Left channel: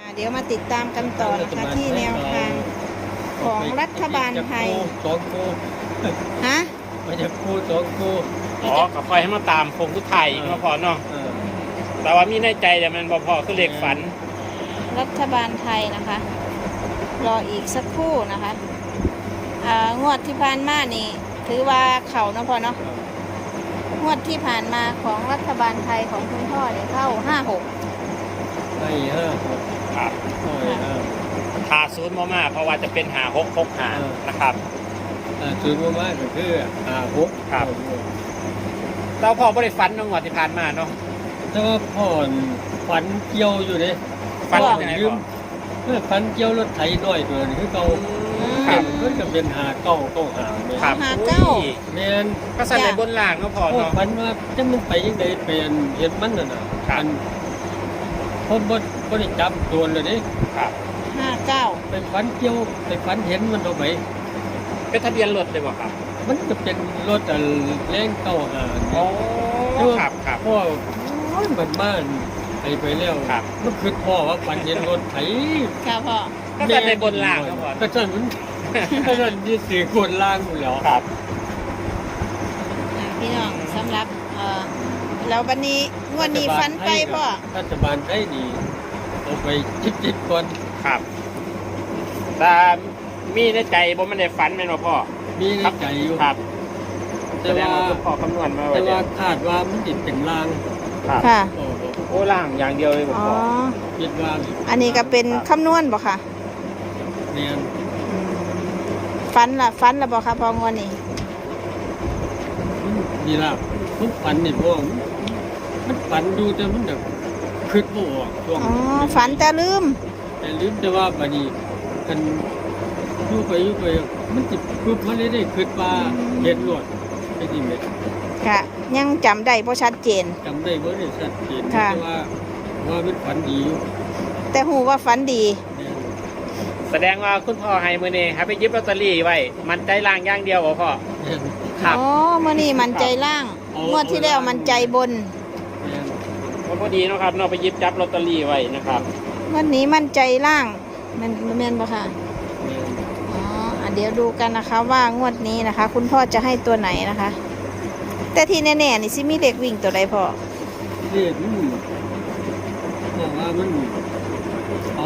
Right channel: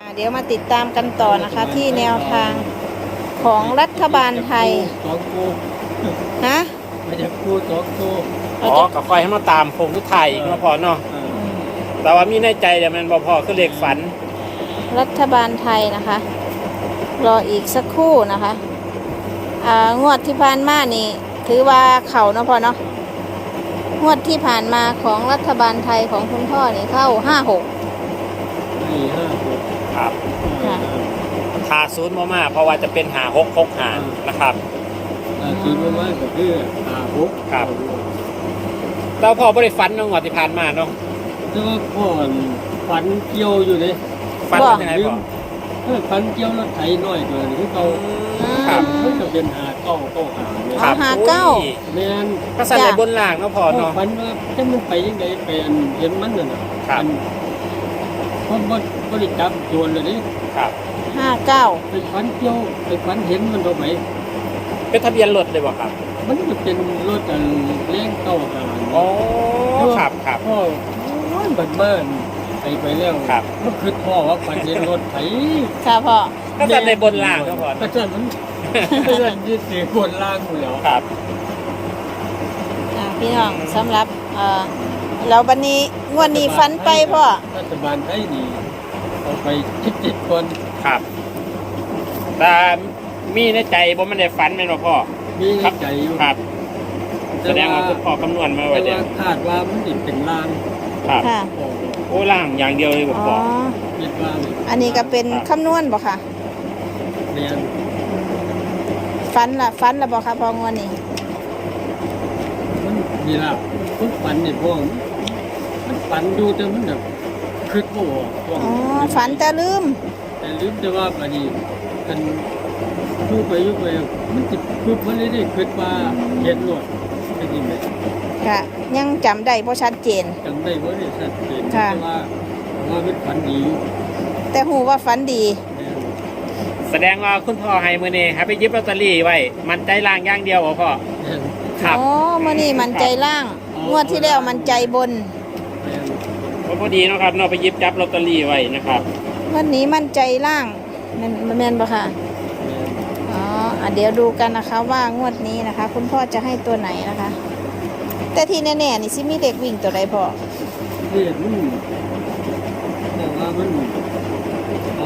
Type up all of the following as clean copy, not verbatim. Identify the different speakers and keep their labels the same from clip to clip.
Speaker 1: เดี๋ยวมาติดตามกันต่อนะคะที่แนวทางของรัฐบาลไทย
Speaker 2: สองกู
Speaker 1: ฮะ
Speaker 2: มาจากกูสองกู
Speaker 3: อ๋อกับคอยให้มาตามโคงทุกไทยอีกนะพอเนาะ
Speaker 2: เออ
Speaker 3: แต่ว่ามีในใจแต่มันบ่พอคือเลขฝัน
Speaker 1: รัฐบาลไทยนะคะ รออีกสักครู่นะคะงวดที่ผ่านมานี่ถือว่าเข่าเนาะพ่อเนาะงวดที่ผ่านมาของรัฐบาลไทยของคุณพ่อนี่เข้า56
Speaker 2: ได้56
Speaker 3: ครับ
Speaker 2: ได้ห้า
Speaker 3: หาศูนย์มาเพราะว่าจะเป็นหาหกหกหานะครับ
Speaker 2: ซื้อมาไว้ก็คือ56
Speaker 3: ครับ
Speaker 2: เอาด้วย
Speaker 3: แต่พ่อไม่ได้ฝันเนาะงวดที่ผ่านมาเนาะ
Speaker 2: แต่ว่าพ่อฝันเกี่ยวอยู่เด้
Speaker 3: ฝันว่ายังไง
Speaker 2: ลื
Speaker 3: พ่อ
Speaker 2: มฝันเกี่ยวรถไถน้อยตัวนี้คือเก่า
Speaker 3: ครับ
Speaker 2: มันก็เป็น59 เนี่ย
Speaker 3: ครับ
Speaker 1: หาเก้า
Speaker 3: อุ้ย
Speaker 2: แม่น
Speaker 3: ก็ใส่ในบนล่างเนาะพ่อ
Speaker 2: พ่อ
Speaker 3: เนาะ
Speaker 2: ฝันว่าจะมันไปยังไงเป็นเห็นมันน่ะนะครับ อันพ่อบ่ได้จับโดนเลยเด้
Speaker 3: ครับ
Speaker 1: 59
Speaker 2: ไปฝันเกี่ยวไปฝันเห็นมันเอาไป
Speaker 3: เป็นทะเบียนรถเลยบ่ครับ
Speaker 2: มันจะเป็นรถอันแรงเก้าหา
Speaker 3: โอ้
Speaker 2: นี่
Speaker 3: ครับครับ
Speaker 2: พ่อโอ้ยบันบ้านไปแล้ว
Speaker 3: ครับ
Speaker 2: มันคือพ่อว่าฝันเห็นรถไถ
Speaker 1: ค่ะพ่อ
Speaker 3: ก็ใส่ในบนล่างเนาะพ่อ
Speaker 2: ก็ใช่มันก็ใช่ยืดเสียงบนล่างอยู่แล้ว
Speaker 3: ครับ
Speaker 1: พี่น้องสำหรับแล้ววันนี้งวดนี้ฟันไปพ่อ
Speaker 2: รัฐบาลไทยนี่เอาไป17ก่อน
Speaker 3: ครับแต่มีในใจบ่มันได้ฝันแม่นบ่พ่อ
Speaker 2: มีในใจอยู่
Speaker 3: ครับแส
Speaker 2: แต่
Speaker 3: ด
Speaker 2: ว่าง
Speaker 3: ว่าคุณพ่อคำนวณมา
Speaker 2: แต่
Speaker 3: ไว้
Speaker 2: ว่า
Speaker 3: เนี่ย
Speaker 2: คาดว่ามันติดเป็นล่าง
Speaker 3: ครับ
Speaker 1: ค่ะ
Speaker 2: พ่อบอก
Speaker 3: โอ้ล่างอย่างเดียวเลยบ่
Speaker 1: อ๋อ
Speaker 3: พ่อ
Speaker 2: คิดว่า
Speaker 1: อันนี้ก็เป็นคำนวณบ่ค่ะ
Speaker 2: เรียน
Speaker 1: ฟันละบ่ค่ะพองวดนี้
Speaker 2: มันนี่ล่ะมันฝันนี่พ่อมันฝันดูแต่มันแบบคิดบ่ออกช่วง
Speaker 1: อ๋อฝันแต่ลืม
Speaker 2: แต่ลืมแต่ว่าบัดนี้คันอยู่ไปมันสิปุ๊บมันเลยได้คิดว่าเห็นรถเป็นจังได๋
Speaker 1: ค่ะ ยังจำได้บ่ชัดเจน
Speaker 2: จำได้บ่ได้ชัดเจน
Speaker 1: ค่ะ
Speaker 2: แต่ว่ามันฝันดีอยู่
Speaker 1: แต่หูว่าฝันดี
Speaker 2: แม่น
Speaker 3: แสดงว่าคุณพ่อให้มื้อนี้ครับไปหยิบลอตเตอรี่ไว้มันใจล่างอย่างเดียวบ่พ่อ
Speaker 2: แม่น
Speaker 3: ครับ
Speaker 1: อ๋อมื้อนี้มันใจล่าง งวดที่แล้วมันใจบน
Speaker 2: แม่น
Speaker 3: พอดีเนาะครับเนาะไปหยิบจับลอตเตอรี่ไว้นะครับ
Speaker 1: วันนี้มันใจล่างมันแม่นบ่ค่ะ
Speaker 2: แม่น
Speaker 1: อ๋อเดี๋ยวดูกันนะคะว่างวดนี้นะคะ คุณพ่อจะให้ตัวไหนนะคะ แต่ที่แน่ๆนี่สิมีเด็กวิ่งตัวใดพ่อ
Speaker 2: เรียกมันบอกว่ามันเอา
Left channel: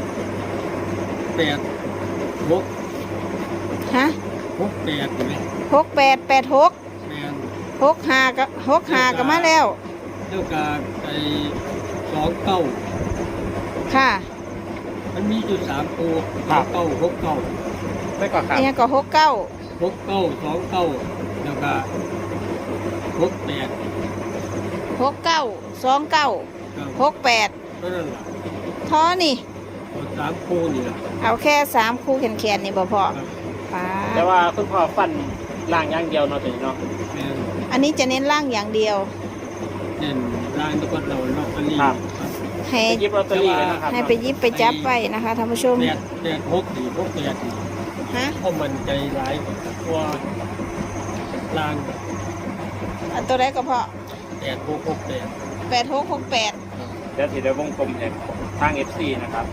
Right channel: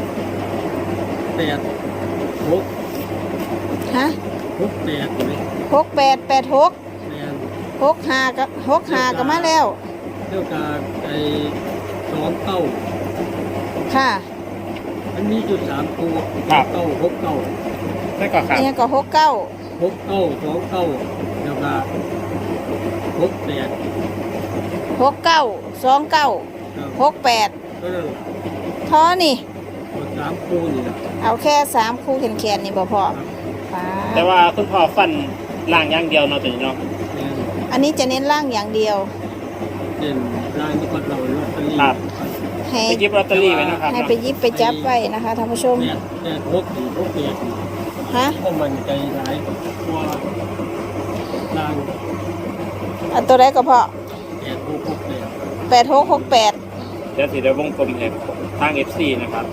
Speaker 2: 8 6
Speaker 1: ฮะ
Speaker 2: 68อยู่ไหม
Speaker 1: 6886
Speaker 2: แม่น
Speaker 1: 65ก็มาแล้ว
Speaker 2: เดี๋ยวกาไอ้29
Speaker 1: ค่ะ
Speaker 2: มันมีอยู่3ปู29 69
Speaker 3: แล้วก็ครับ
Speaker 1: เนี่ยก็69
Speaker 2: 69 29แล้วก็68
Speaker 1: 69 29 68
Speaker 2: ก็นั่นล่ะ
Speaker 1: ท้อนี่
Speaker 2: เอา3ปูนี่ล่ะ
Speaker 1: เอาแค่3คู่แขนๆนี่บ่พอ
Speaker 2: ครับ
Speaker 1: ป้า
Speaker 3: แต่ว่าคุณพ่อฟันล่างอย่างเดียวเนาะตัวนี้เนาะ
Speaker 2: แม่น
Speaker 1: อันนี้จะเน้นล่างอย่างเดียว
Speaker 2: เด่นร้านตะกอนเราลอตเตอรี่
Speaker 1: ให้
Speaker 3: ไปหยิบลอตเตอรี่ไว้นะครับ
Speaker 1: ให้ไปหยิบไปจับไว้นะคะท่านผู้ชม
Speaker 2: 8 6นี่68นี่
Speaker 1: ฮะ
Speaker 2: เพราะมันใจหลายกว่าร้าน
Speaker 1: อันตัวใดก็พอ
Speaker 2: 8 6 68
Speaker 1: 8668
Speaker 3: เดี๋ยวสิเดี๋ยววงกลมให้ทาง FC นะครับ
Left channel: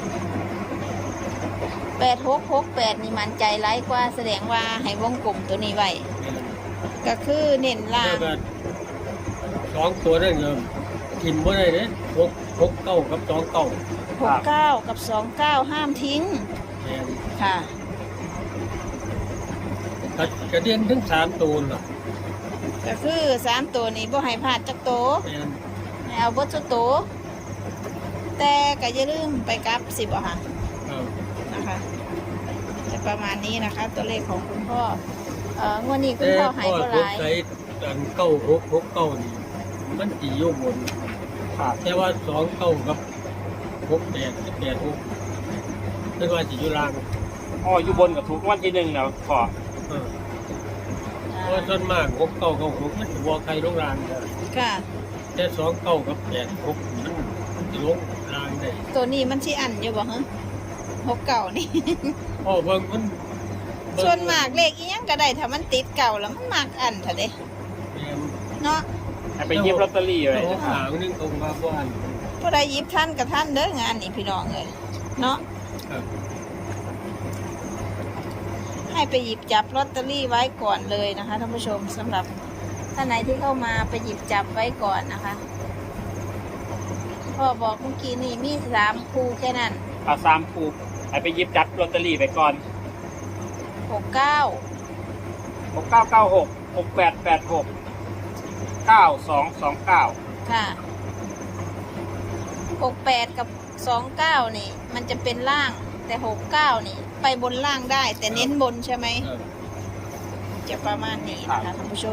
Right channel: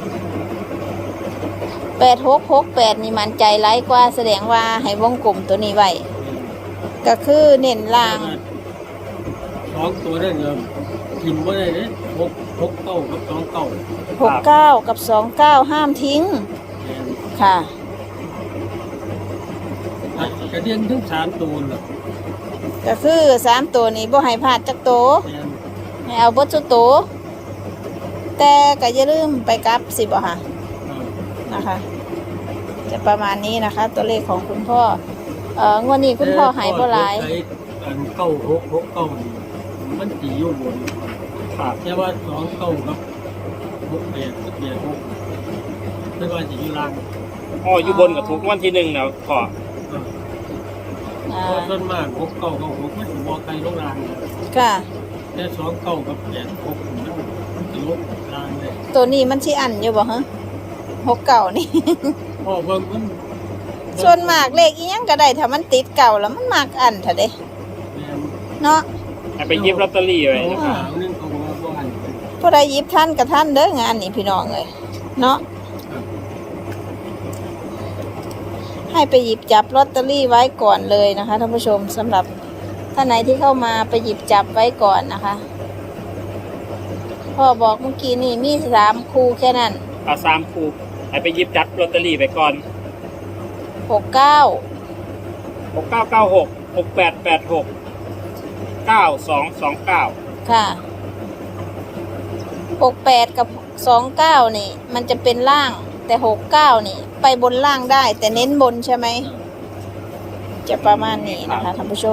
Speaker 1: 8668นี่มันใจร้ายกว่าแสดงว่าให้วงกลมตัวนี้ไว้ ก็คือเน้นล่า
Speaker 2: แล้
Speaker 1: ง
Speaker 2: วก็สองตัวนั่นก็ทิมบ่ได้เด้6 9กับ29
Speaker 1: 69 กับ 29 ห้ามทิ้ง
Speaker 2: แม่น
Speaker 1: ค่ะ
Speaker 2: ถ้ากระเด็นถึง3ตัวล่ะ
Speaker 1: ก็คือ3ตัวนี้บ่ให้พลาดจักตัว
Speaker 2: แม่น
Speaker 1: ให้เอาเบดทุกตัวแต่ก็อย่าลืมไปกลับสิบ่ค่ะ
Speaker 2: ครับ
Speaker 1: นะคะ จะประมาณนี้นะคะ ตัวเลขของคุณพ่องวดนี้คุณพ่อหายบ่หลาย
Speaker 2: แต่อัน9669นี่มันสิอยู่บนแต่ว่า29กับ68กับ86แต่ว่าสิอยู่ล่าง
Speaker 3: อ๋ออยู่บนกับถูกรางวันที่1แล้วก็
Speaker 2: เออเพราะส่วนมาก69กับ6มันสิบ่ไกลลงล่างเลย
Speaker 1: ค่ะ
Speaker 2: แต่29กับ86มันสิลงล่างได้
Speaker 1: ตัวนี้มันสิอันอยู่บ่ฮะ69นี่
Speaker 2: พอเบิ่งมัน
Speaker 1: ส่วนมากเลขอีหยังก็ได้ถ้ามันติดเก่าแล้วมันมากอันเถอะเด้
Speaker 2: แม่น
Speaker 1: เนาะ
Speaker 3: ให้ไปหยิบลอตเตอรี่ไว้
Speaker 2: เอา
Speaker 3: นะครับ
Speaker 2: หางนึงเขาว่าบ่อัน
Speaker 1: ผู้ใดหยิบท่านกับท่านเด้องานนี่พี่น้องเลยเนาะ
Speaker 2: ครับ
Speaker 1: ให้ไปหยิบจับลอตเตอรี่ไว้ก่อนเลยนะคะท่านผู้ชมสำหรับท่านไหนที่เข้ามาไปหยิบจับไว้ก่อนนะคะพ่อบอกเมื่อกี้นี่มี3 คู่แค่นั้น
Speaker 3: เอา3 คู่ให้ไปหยิบจับลอตเตอรี่ไปก่อน
Speaker 1: 69
Speaker 3: 6996 6886 9229
Speaker 1: ค่ะ68กับ29นี่ มันจะเป็นล่างแต่69นี่ ไปบนล่างได้ แต่เน้นบนใช่ไหม
Speaker 2: ครับ
Speaker 1: จะประมาณนี้นะคะท่านผู้ชม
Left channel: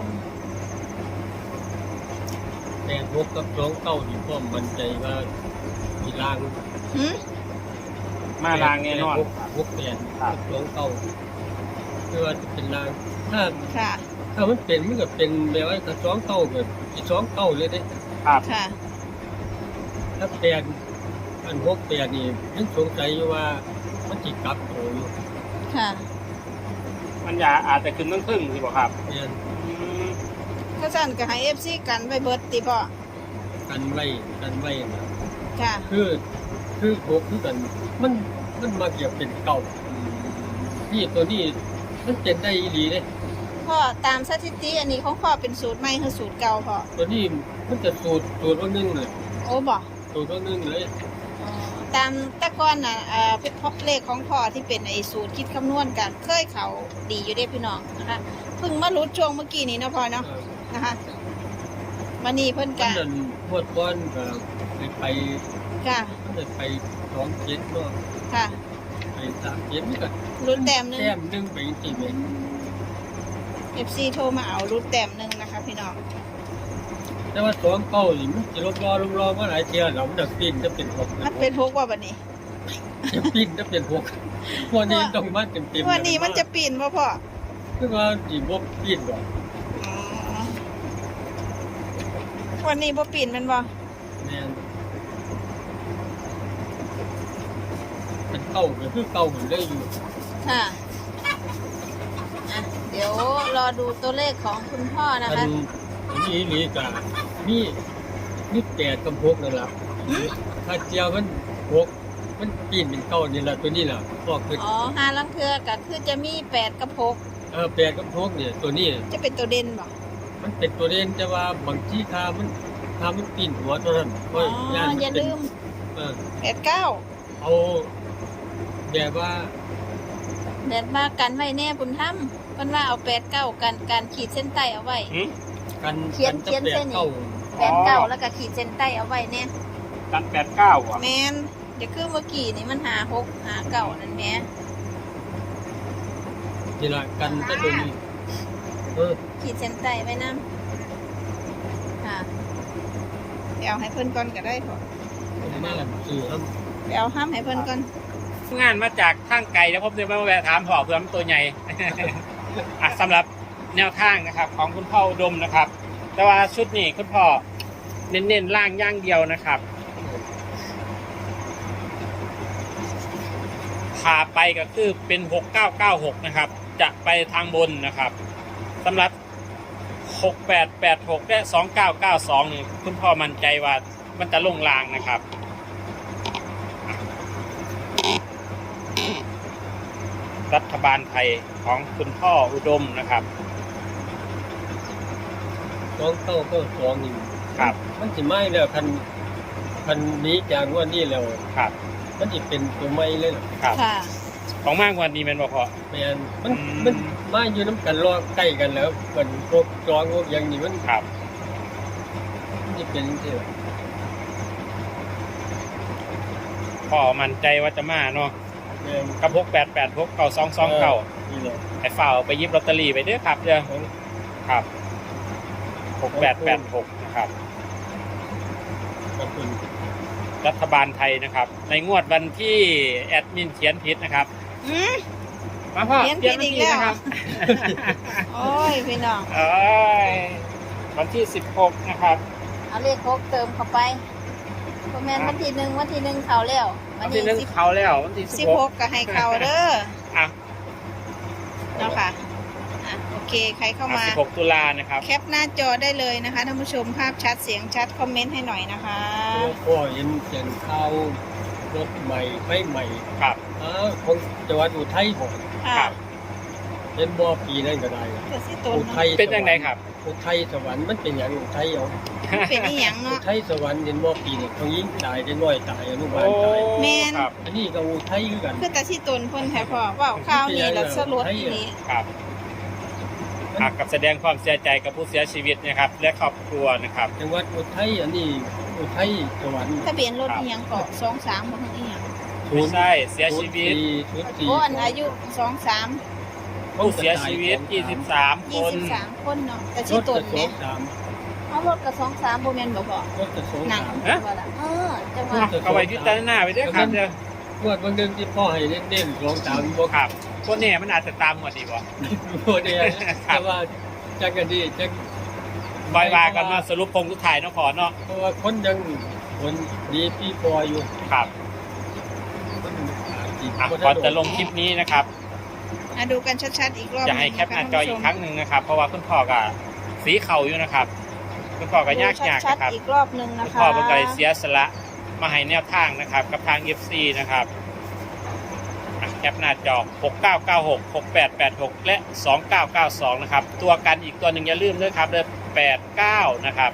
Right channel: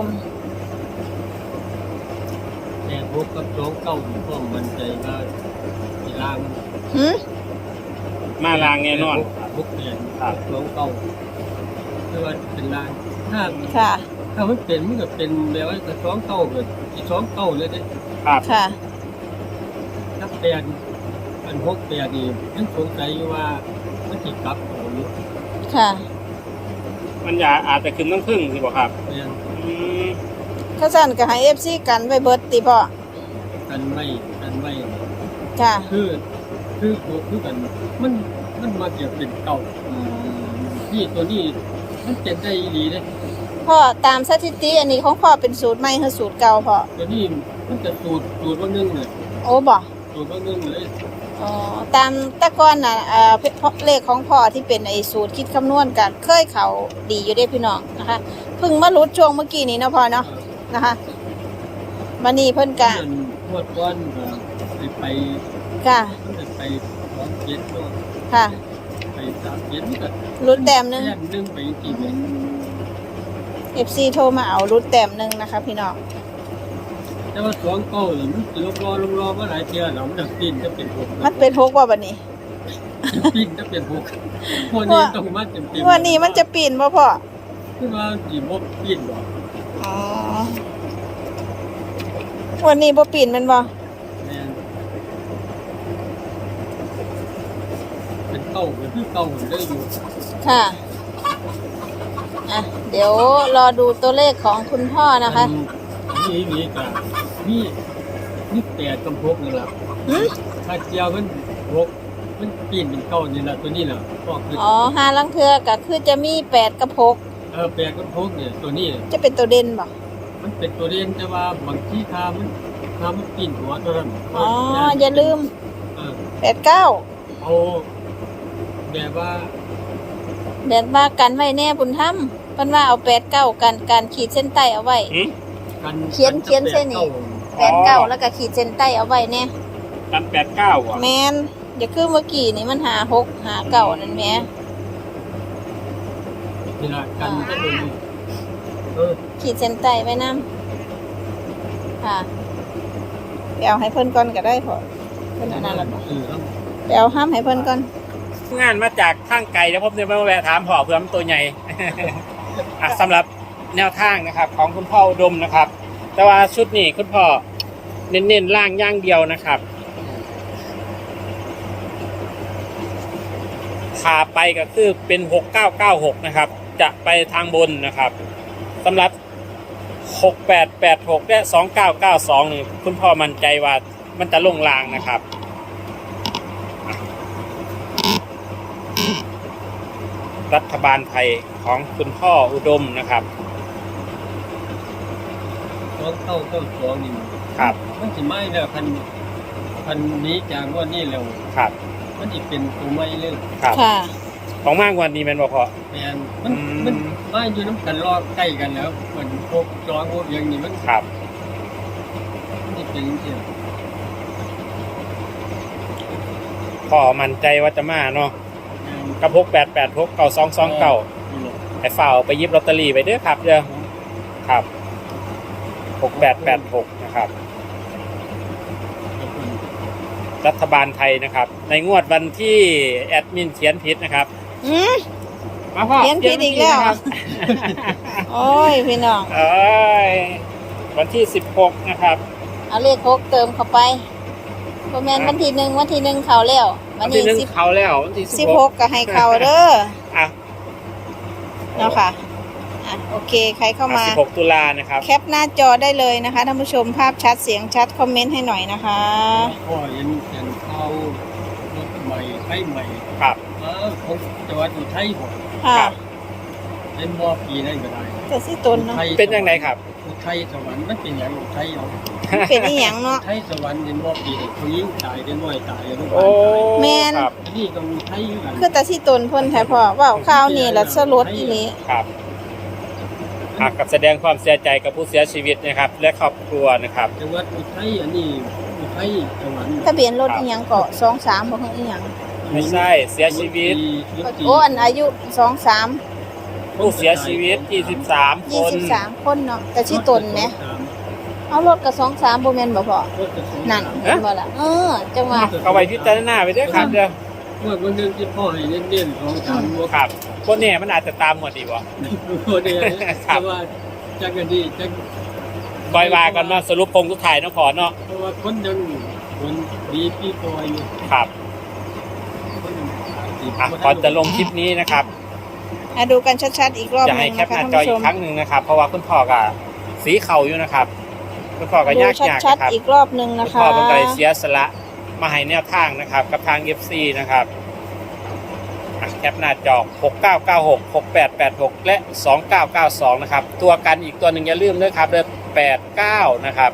Speaker 2: แต่6กับ2 9นี่พ่อมั่นใจว่าสิล้าง
Speaker 1: หืม
Speaker 3: มาลางแน่นอน
Speaker 2: 6 8กับ2 9คือว่าเป็นล้างถ้า
Speaker 1: ค่ะ
Speaker 2: ถ้ามันเป็นมันก็เป็นแบบว่ากับ2 9ก็สิ2 9เลยเด้
Speaker 3: ครับ
Speaker 1: ค่ะ
Speaker 2: ถ้า8อัน6 8นี่ยังสงสัยอยู่ว่ามันสิกลับโตอยู่
Speaker 1: ค่ะ
Speaker 3: มันอย่าอาจจะขึ้นต้องพึ่งสิบอกครับ
Speaker 2: แม่น
Speaker 3: อืม
Speaker 1: เขาสั่นก็ให้ FC กันไว้เบิดติพ่อ
Speaker 2: กันไว้นะ
Speaker 1: ค่ะ
Speaker 2: คือ6คือกันมันมาเกี่ยวเป็นเก่า
Speaker 1: อืม
Speaker 2: นี่ตัวนี้มันเป็นได้อีหลีเด้
Speaker 1: พ่อตามสถิติอันนี้ของพ่อเป็นสูตรใหม่หรือสูตรเก่าพ่อ
Speaker 2: ตัวนี้มันจะสูตรว่านึงเลย
Speaker 1: โอ้บ่
Speaker 2: สูตรว่านึงเลย
Speaker 1: อ๋อตามแตะก้อนน่ะเลขของพ่อที่เป็นไอ้สูตรคิดคำนวณกันเคยเขาดีอยู่เด้พี่น้องนะคะเพิ่งมารู้ช่วงเมื่อกี้นี้เนาะพ่อเนาะนะคะมานี่เพิ่นกะ
Speaker 2: นั่นงวดก้อนก็ไป
Speaker 1: ค่ะ
Speaker 2: มันจะไป2 7เนาะ
Speaker 1: ค่ะ
Speaker 2: ไป3 7มันก็
Speaker 1: รุดแต้มหนึง
Speaker 2: แต้มหนึงไปจริงๆเลย
Speaker 1: FC โทรมาเอารุดแต้มหนึงนะคะพี่น้อง
Speaker 2: แต่ว่า2 9นี่มันสิรอมาหลายเที่ยแล้วมันจะปีนจะเป็น6
Speaker 1: มันเป็น6ว่าบัดนี้
Speaker 2: จะปีนจะเป็น6วันนี้ต้องมาเต็มๆ
Speaker 1: วันนี้มันจะปีนบ่พ่อ
Speaker 2: คือว่าสิบ่ปีนดอก
Speaker 1: อ๋อวันนี้บ่ปีนแมันบ่
Speaker 2: แม่นเป็นเก่าก็คือเก่าเหมือนเลยอยู่
Speaker 1: ค่ะอ่ะเดี๋ยวรอดูตัวเลขของคุณพ่อนะคะ
Speaker 2: นี่ก็มี8กับ6นั่นล่ะ
Speaker 1: หืม
Speaker 2: ถ้าเจียวมัน6มันปีนเป็นเก่านี่ล่ะตัวนี้ล่ะพ่อคือ
Speaker 1: อ๋อหาลังเทือก็คือจะมี8กับ6
Speaker 2: 8กับ6เนี่ยตัวนี้
Speaker 1: จะเป็นตัวเด่นบ่
Speaker 2: มันเป็นตัวเด่นแต่ว่าบางทีถ้ามันปีนหัวตัวนั้น
Speaker 1: อ๋ออย่าลืม
Speaker 2: เออ
Speaker 1: 89
Speaker 2: เอาแบบว่า
Speaker 1: เดี๋ยวมากันไว้แน่บุญธรรมเพิ่นว่าเอา89กันการขีดเส้นใต้เอาไว้
Speaker 3: หืม
Speaker 2: กัน
Speaker 1: เขียน
Speaker 2: กั
Speaker 1: เขียน
Speaker 2: จะ
Speaker 1: เส้นนี่ 89แล้วก็ขีดเส้นใต้เอาไว้แน่
Speaker 3: กัน89อ่ะ
Speaker 1: แม่นอย่าคือเมื่อกี้นี่มันหา6หา9นั่นแหม
Speaker 2: นี่ล่ะกันก็ตัวนี้เออ
Speaker 1: ขีดเส้นใต้ไว้นํค่ะเดี๋ยวให้เพิ่นก่อนก็ได้พอเพิ่น
Speaker 2: นี่
Speaker 1: เอา
Speaker 2: มา
Speaker 1: มา
Speaker 2: ครับ
Speaker 1: เดี๋ยวห้ามให้เพิ่นก่อน
Speaker 3: งานมาจากทางไกลแล้วผมเนี่ยมาแวะถามพ่อเพื่อมันตัวใหญ่ อ่ะสำหรับแนวทางนะครับ ของคุณพ่ออุดมนะครับ แต่ว่าชุดนี้คุณพ่อเน้นๆล่างอย่างเดียวนะครับขาไปก็คือเป็น6996นะครับจะไปทางบนนะครับสำหรับ6886และ2992นี่คุณพ่อมั่นใจว่ามันจะลงล่างนะครับรัฐบาลไทยของคุณพ่ออุดมนะครับ
Speaker 2: 2 นี่
Speaker 3: ครับ
Speaker 2: มันสิไม่แล้วพันนี้จากงว่านี่แล้ว
Speaker 3: ครับ
Speaker 2: มันสิเป็นตัวใหม่เลยล่ะ
Speaker 3: ครับ
Speaker 1: ค่ะ
Speaker 3: ของมากกว่านี้แมันบ่พอ
Speaker 2: แม่นมันมาอยู่น้ำกันรอใกล้กันแล้วมันพวก2พวกอย่างนี้มัน
Speaker 3: ครับ
Speaker 2: สิเป็นจังซี่
Speaker 3: พ่อมั่นใจว่าจะมาเนาะ
Speaker 2: แม่น
Speaker 3: กับ6886 9229
Speaker 2: นี่แหละ
Speaker 3: ให้ฝ่ากไปหยิบลอตเตอรี่ไปเด้อครับเด้อ
Speaker 2: ของ
Speaker 3: ครับ6886นะครับ
Speaker 2: กับคน
Speaker 3: รัฐบาลไทยนะครับ ในงวดวันที่แอดมินเขียนผิดนะครับ
Speaker 1: อืม
Speaker 3: มาพ่อ
Speaker 1: เขียนผิดอีกแล้ว
Speaker 3: นะครับ
Speaker 1: โอ้ยพี่น้อง
Speaker 3: เอ้ยวันที่16นะครับ
Speaker 1: เอาเลข6เติมเข้าไปบ่แม่นวันที่1วันที่1เข้าแล้ววั
Speaker 3: วัน น
Speaker 1: นี้
Speaker 3: ที่1เขาแล้ววันที่16
Speaker 1: 16ก็ให้เข้าเด้อ
Speaker 3: อ่ะ
Speaker 1: เนาะค่ะโอเคใครเข้ามา
Speaker 3: 16 ตุลานะครับ
Speaker 1: แคปหน้าจอได้เลยนะคะท่านผู้ชมภาพชัดเสียงชัดคอมเมนต์ให้หน่อยนะคะ
Speaker 2: พ่อยันเข้ารถใหม่ไฟใหม่
Speaker 3: ครับ
Speaker 2: ของจังหวัดอุทัยบ่
Speaker 1: ค่ะ
Speaker 2: เป็นบ่ปีนั่นก็ได้
Speaker 1: แต่สิตนเนาะ
Speaker 3: เป็นยังไงครับ
Speaker 2: อุทัยสวรรค์มันเป็นอย่างอุทัยอ๋อ
Speaker 1: เป็นอีหยัง
Speaker 2: อุ
Speaker 1: เนาะ
Speaker 2: ทัยสวรรค์เป็นบ่ปีเนี่ยเขายิงตายได้น้อยตายอนุบา
Speaker 3: โอ้
Speaker 2: ลตาย
Speaker 1: แม่น
Speaker 3: ครับ
Speaker 2: อันนี้ก็อุทัยคือกัน
Speaker 1: คือแต่สิตนเพ่นแท้พ่อว่าข้าวนี่แล้วสลดอีนี้
Speaker 3: ครับกับแสดงความเสียใจกับผู้เสียชีวิตนะครับ และครอบครัวนะครับ
Speaker 2: จังหวัดอุทัยอันนี้อุทัยสวรรค์
Speaker 1: ทะเบียนรถอีหยังเกาะ23บ่คืออีหยัง
Speaker 3: ไม่ใช่เสียชีวิต
Speaker 1: โอ้อันอายุ23
Speaker 3: ผู้เสียชีวิต 23 คน
Speaker 1: 23คนเนาะแต่สิตนแหมเอารถก็23บ่แม่นบ่พ่อ
Speaker 2: รถกระทรวง
Speaker 1: นั่นเห็นบ่ล่ะจังหวะ
Speaker 3: เข้าไปพิจารณาไปด้วยครับเดี๋ยว
Speaker 2: ว่าวันหนึงที่พ่อให้เน้นๆ2-3บ่
Speaker 3: ครับคนเนี่ยมันอาจจะตามหมดดีบ่
Speaker 2: รู้เนี่ยแต่ว่าจักกันดีจัก
Speaker 3: บอยมากันมาสรุปคงทุกถ่ายเนาะขอเนาะ
Speaker 2: เพราะว่าคนยังคนดีพี่ปออยู่
Speaker 3: ครับ
Speaker 2: คนอาจสิ
Speaker 3: อ่ะ
Speaker 2: บ่
Speaker 3: ก่
Speaker 2: ทั
Speaker 3: อน นจะลงคลิปนี้นะครับ
Speaker 1: ดูกันชัดๆอีกรอบ
Speaker 3: จะ
Speaker 1: หนึ
Speaker 3: ให้
Speaker 1: ง
Speaker 3: แค
Speaker 1: นะ
Speaker 3: ปห
Speaker 1: คะ
Speaker 3: น้า
Speaker 1: ท่าน
Speaker 3: จอ
Speaker 1: ผู้ช
Speaker 3: อีก
Speaker 1: ม
Speaker 3: ครั้งหนึ่งนะครับ เพราะว่าคุณพ่อกับสีเข่าอยู่นะครับคุณพ่อก็ยาก
Speaker 1: ดู
Speaker 3: ยาก
Speaker 1: ชัด
Speaker 3: นะครับ
Speaker 1: ๆอีกรอบหนึง
Speaker 3: คุ
Speaker 1: นะ
Speaker 3: ณพ่
Speaker 1: คะ
Speaker 3: อก็ไปเสียสละมาให้แนวทางนะครับ กับทาง FC นะครับอ่ะแคปหน้าจอ6996 6886 และ 2992 นะครับ ตัวกันอีกตัวหนึ่งอย่าลืมด้วยครับเลย89 นะครับ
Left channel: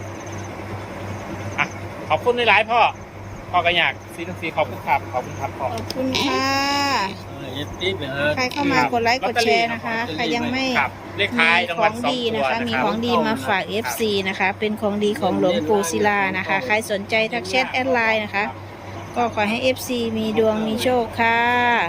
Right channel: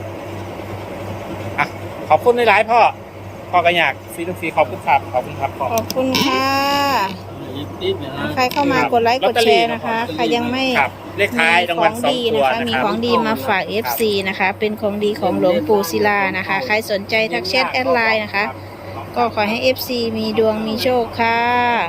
Speaker 3: อ่ะขอบคุณในหลายๆพ่อก็อยากซีขอบคุณครับขอบคุณครับพ่อ
Speaker 1: ขอบคุณค่ะ
Speaker 2: เฮ็ดติดนะฮะ
Speaker 1: ใครเข้ามากดไลค์กดแชร์นะคะ ใครยังไม่
Speaker 3: ครับเลข
Speaker 1: มี
Speaker 3: ท้ายราง
Speaker 1: ข
Speaker 3: วั
Speaker 1: อ
Speaker 3: ล
Speaker 1: ง
Speaker 3: สอง
Speaker 1: ดี
Speaker 3: ตัว
Speaker 1: นะคะ มี
Speaker 3: รับ
Speaker 1: ของดีมาฝาก FC นะคะ เป็นของดีของหลวงปู่ศิลานะคะ ใครสนใจทักแชทแอดไลน์นะคะ ก็ขอให้ FC มีดวงมีโชคค่ะ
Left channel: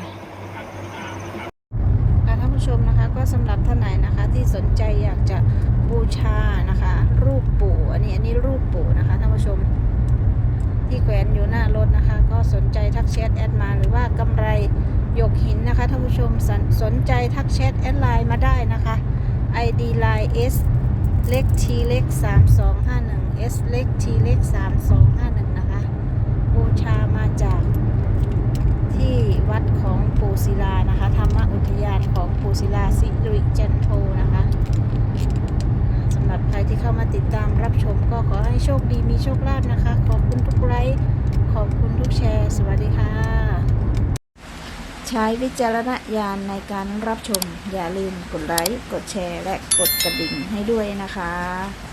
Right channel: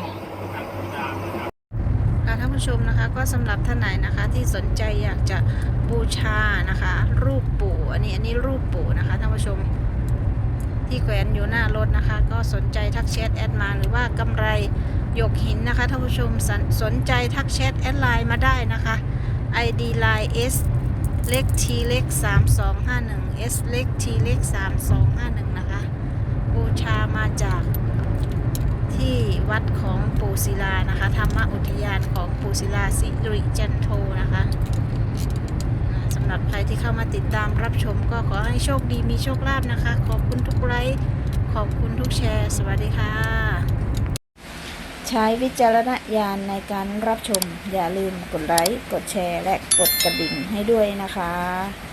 Speaker 1: ค่ะท่านผู้ชมนะคะ ก็สำหรับท่านไหนนะคะที่สนใจอยากจะบูชานะคะ รูปปู่อันนี้รูปปู่นะคะท่านผู้ชมที่แขวนอยู่หน้ารถนะคะ ก็สนใจทักแชทแอดมาหรือว่ากำไรหยกหินนะคะท่านผู้ชมสนใจทักแชทแอดไลน์มาได้นะคะ ID line S เล็ก T เล็ก3251 S เล็ก T เล็ก3251นะคะบูชามาจากที่วัดของปู่ศิลานะคะธรรมอุทยานของปู่ศิลาสิริจันโทนะคะสำหรับใครที่เข้ามาติดตามรับชมก็ขอให้โชคดีมีโชคลาภนะคะขอบคุณทุกไลค์ขอบคุณทุกแชร์สวัสดีค่ะใช้วิจารณญาณในการรับชมอย่าลืมกดไลค์กดแชร์และกดกระดิ่งให้ด้วยนะคะ